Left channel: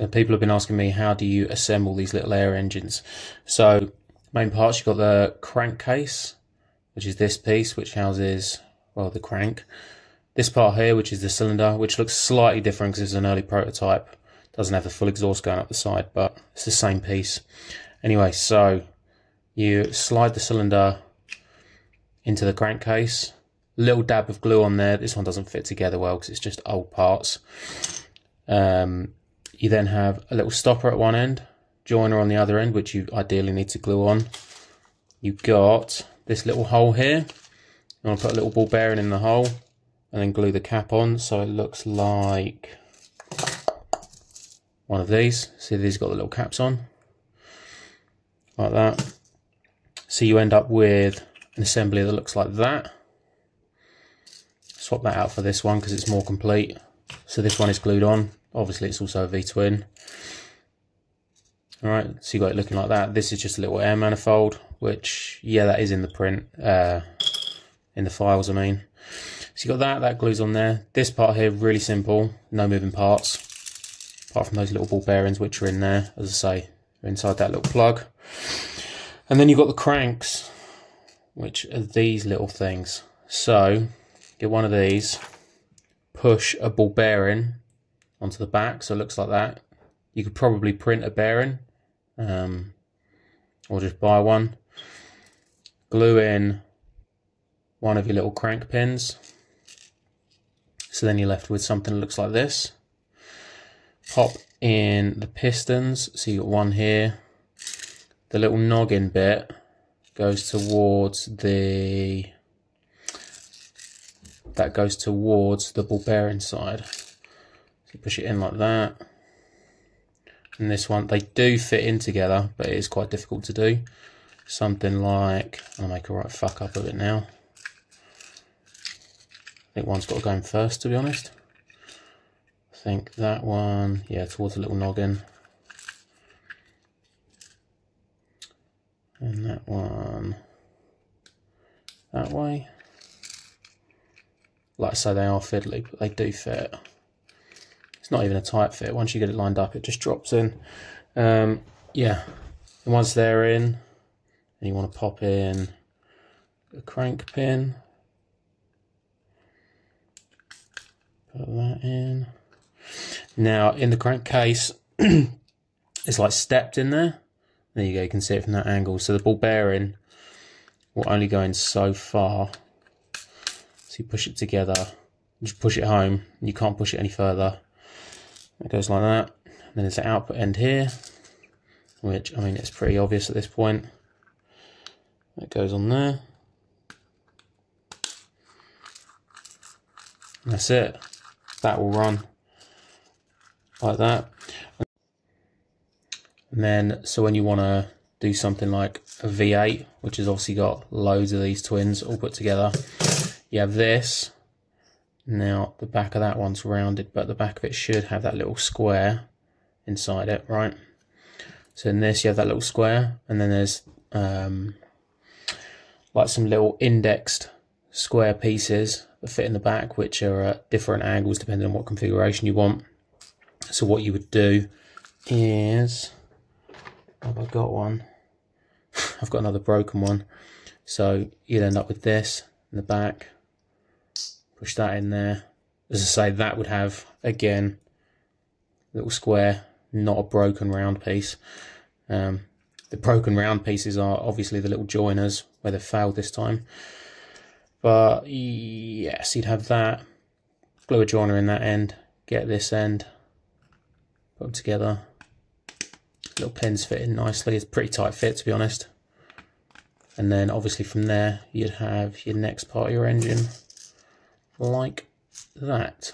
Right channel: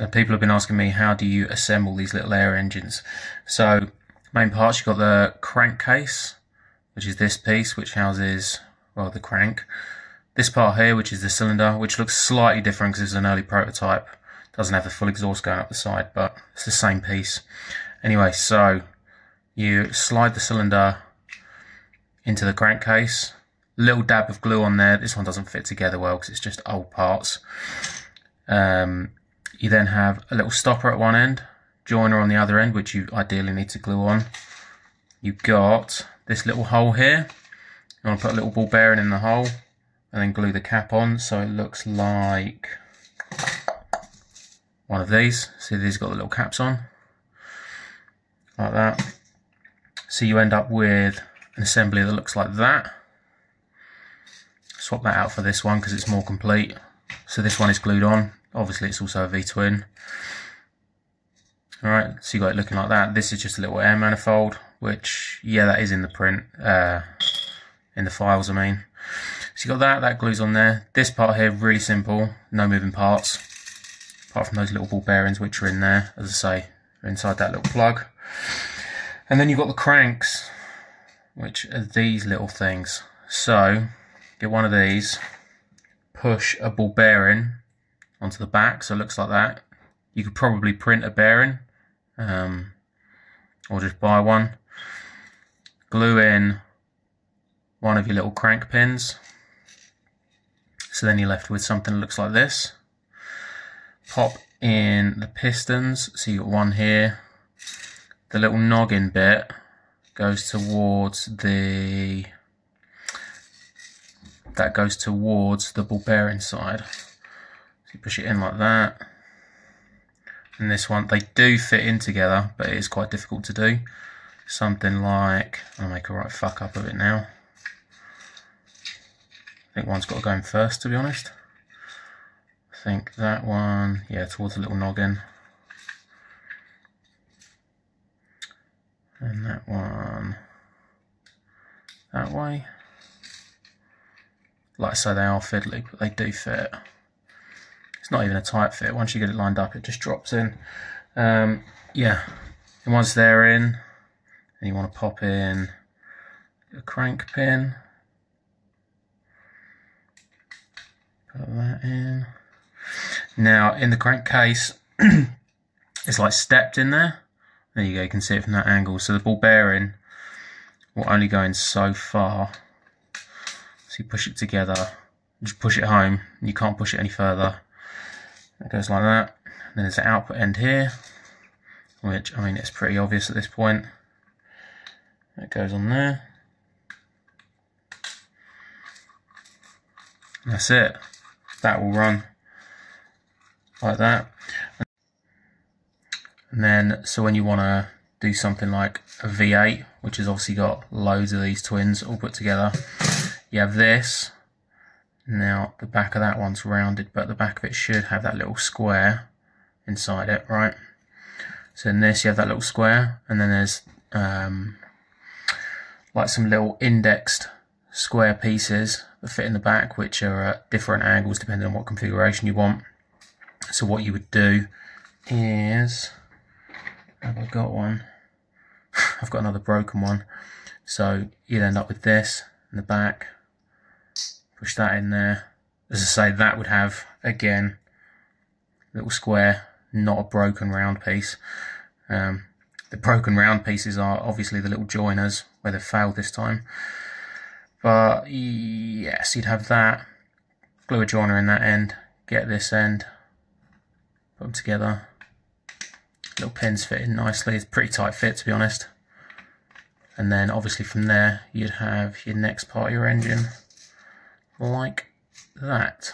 So people have been asking me, how do you assemble these little air engines? So main parts, you've got the crankcase, which is this piece, which houses, well, the crank. This part here, which is the cylinder, which looks slightly different because it's an early prototype. Doesn't have the full exhaust going up the side, but it's the same piece. Anyway, so you slide the cylinder into the crankcase. Little dab of glue on there. This one doesn't fit together well because it's just old parts. You then have a little stopper at one end, joiner on the other end, which you ideally need to glue on. You've got this little hole here. You want to put a little ball bearing in the hole and then glue the cap on so it looks like one of these. See, these got the little caps on, like that. So you end up with an assembly that looks like that. Swap that out for this one because it's more complete. So this one is glued on. Obviously it's also a V-twin. Alright, so you got it looking like that. This is just a little air manifold, which, yeah, that is in the print, in the files I mean. So you got that glues on there. This part here, really simple, no moving parts, apart from those little ball bearings which are in there, as I say, are inside that little plug. And then you've got the cranks, which are these little things. So, get one of these, push a ball bearing onto the back, so it looks like that. You could probably print a bearing, or just buy one. Glue in one of your little crank pins. So then you're left with something that looks like this. Pop in the pistons, so you've got one here. The little noggin bit goes towards the, that goes towards the ball bearing side. So you push it in like that. And this one, they do fit in together, but it is quite difficult to do. Something like, I'll make a right fuck up of it now. I think one's got to go in first, to be honest. I think that one, yeah, towards the little noggin. And that one, that way. Like I say, they are fiddly, but they do fit. It's not even a tight fit. Once you get it lined up, it just drops in. Yeah, and once they're in, and you want to pop in a crank pin. Put that in. Now, in the crankcase, it's like stepped in there. There you go, you can see it from that angle. So the ball bearing will only go in so far. So you push it together, just push it home, and you can't push it any further. It goes like that. Then there's an output end here, which, I mean, it's pretty obvious at this point. It goes on there. And that's it. That will run like that. And then, so when you want to do something like a V8, which has obviously got loads of these twins all put together, you have this. Now, the back of that one's rounded, but the back of it should have that little square inside it, right? So in this, you have that little square, and then there's like some little indexed square pieces that fit in the back, which are at different angles depending on what configuration you want. So what you would do is, have I got one? I've got another broken one. So you'd end up with this in the back. Push that in there. As I say, that would have, again, a little square, not a broken round piece. The broken round pieces are obviously the little joiners where they've failed this time. But yes, you'd have that. Glue a joiner in that end, get this end, put them together. Little pins fit in nicely. It's a pretty tight fit, to be honest. And then obviously from there, you'd have your next part of your engine like that.